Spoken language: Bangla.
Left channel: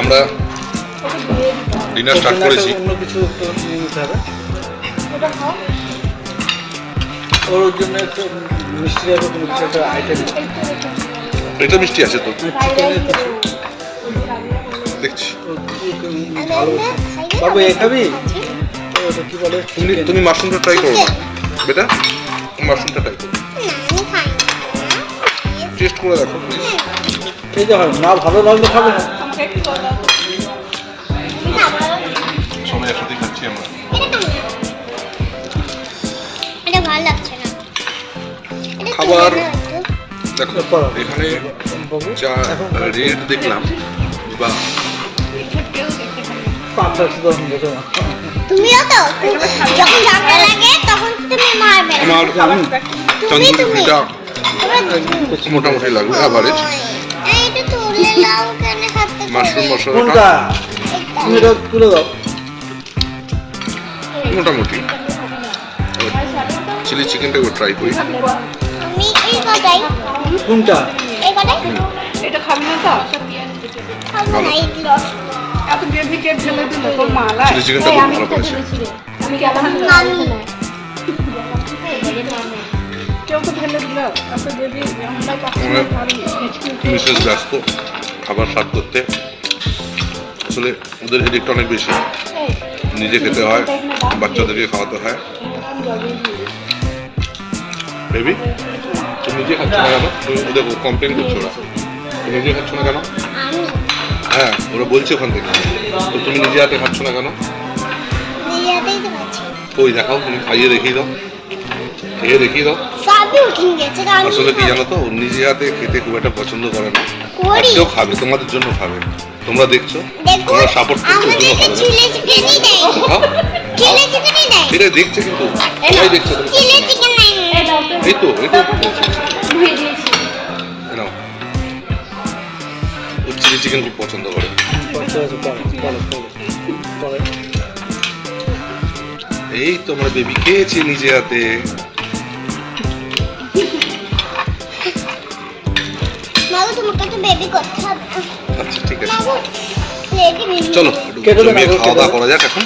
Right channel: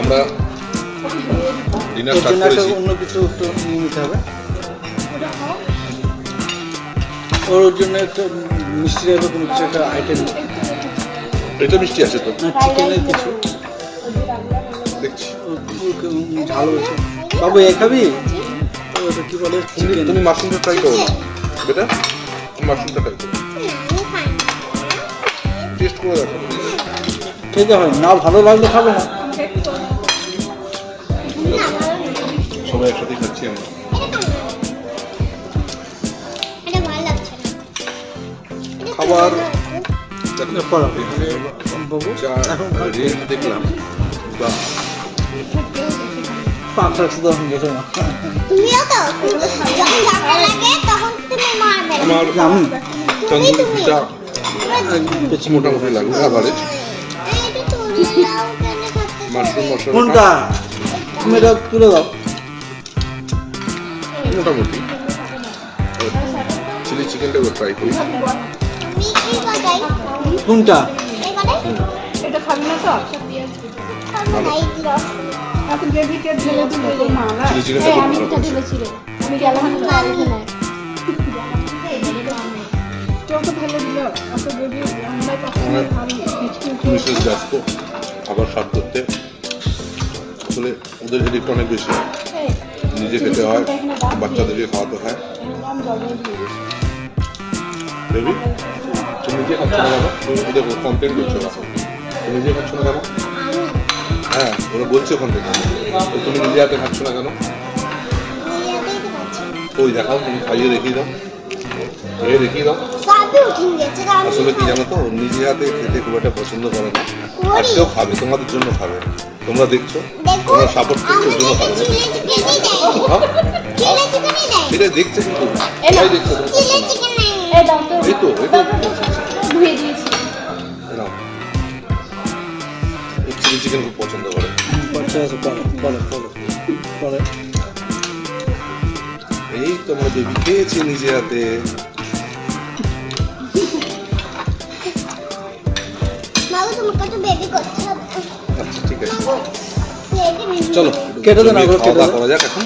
আমরা ডিনার স্টার্ট করেছি। অন্য কিছু তো নিয়ে নিতে হবে। ওর জন্য একটু মিষ্টি টাইপের কোনো কিছু একটা আইটেম। এটা মিষ্টি আছে তো, চিকেনের কিছু দেখছি। ভালো বাবু এ খাবি? ওটা কি বলে? তুমি মাশরুমটা ট্রাই করো না বেটা, মাশরুমটা ট্রাই করো, টেস্ট করে দেখো। খেতে হবে না, ভালো লাগলে খাবো না। সবাই একসাথে খাচ্ছি আমরা। খাবার দেখো এখানে যা রেট দেখলাম, বা তুমিও তো যখন ঝগড়া লাগে তখন তুমি মারবে। আমার তন্দুরিটা মোটামুটি লাগবে অ্যাভারেজ। এইটা তুলে দাও কেন খাতে? মাশরুম মশলাটা কোনটা? তুমি এটা তুলে দাও। মোটামুটি। চিলি চিকেনটা ট্রাই করি। আমি এই কটাই। কোনটা? এই কটাই? এটা খাবি না তো? খাবো না এইগুলো। এত গ্রেভি কে ঢেলে দিলে তোর মালাই? চিলি চিকেনটা খুব ভালো করেছে। মামি কেউ তো ঢেলে দিল এত গ্রেভি। আমরা পাশে খাবি হেঁচকি উঠে। মিসেস ব্যস্ত খাবার সার্ভ করতে, আসলে ওদের এদিকটা অনেক বেশি, নিজে খেতে হয়, বাচ্চাদেরকে খাওয়াতে হয়। বেবি তুমি নিজে খাচ্ছ না কেন? তুমি ওদের কমপ্লেন করছো না, তুমি নিজে খাচ্ছ না কেন? আমি হ্যাঁ ওরা বলছে ওখান থেকে, তো তুমি নিজে হাতে খাচ্ছ না কেন? নিজেতেই তো খাচ্ছি। ওই দেখাও, তুমি খাইয়ে দেখিয়ে দাও, খেয়ে দেখিয়ে দাও। সবই উঠে গেছে। আমি আসলে কি জানো তো, ও নিজে হাতে খেতে খুব একটা পছন্দ করে না, করি। আজকেও খাবে, তোমাদের জন্য খাবে। তোমরা দেখছো, দেখো তোমরা সাপোর্ট করছো, ওর জন্য আমাদেরকে খাবে। চিলি চিকেনই দেয়। খাও, চিলি চিকেনই দেয়। সেটা দেখছে, কিন্তু সবাই দেখছে, তুমি চিলি খাচ্ছ না। চিকেন নাই। এই তো ধুয়ে দিয়েছি। নাও, ও চিলি চিকেন খুব পছন্দ করে। এই তোমার বেবি খেয়েছে নিজে হাতে। বাবু তোমাকে তো বেবি করতে হবে। আচ্ছা ঠিক আছে, বাবু প্লেটে নিয়ে চলো কেটে দাও, জমিয়ে কেটে খাওয়া দাওয়া দাও। করা যাক এখন।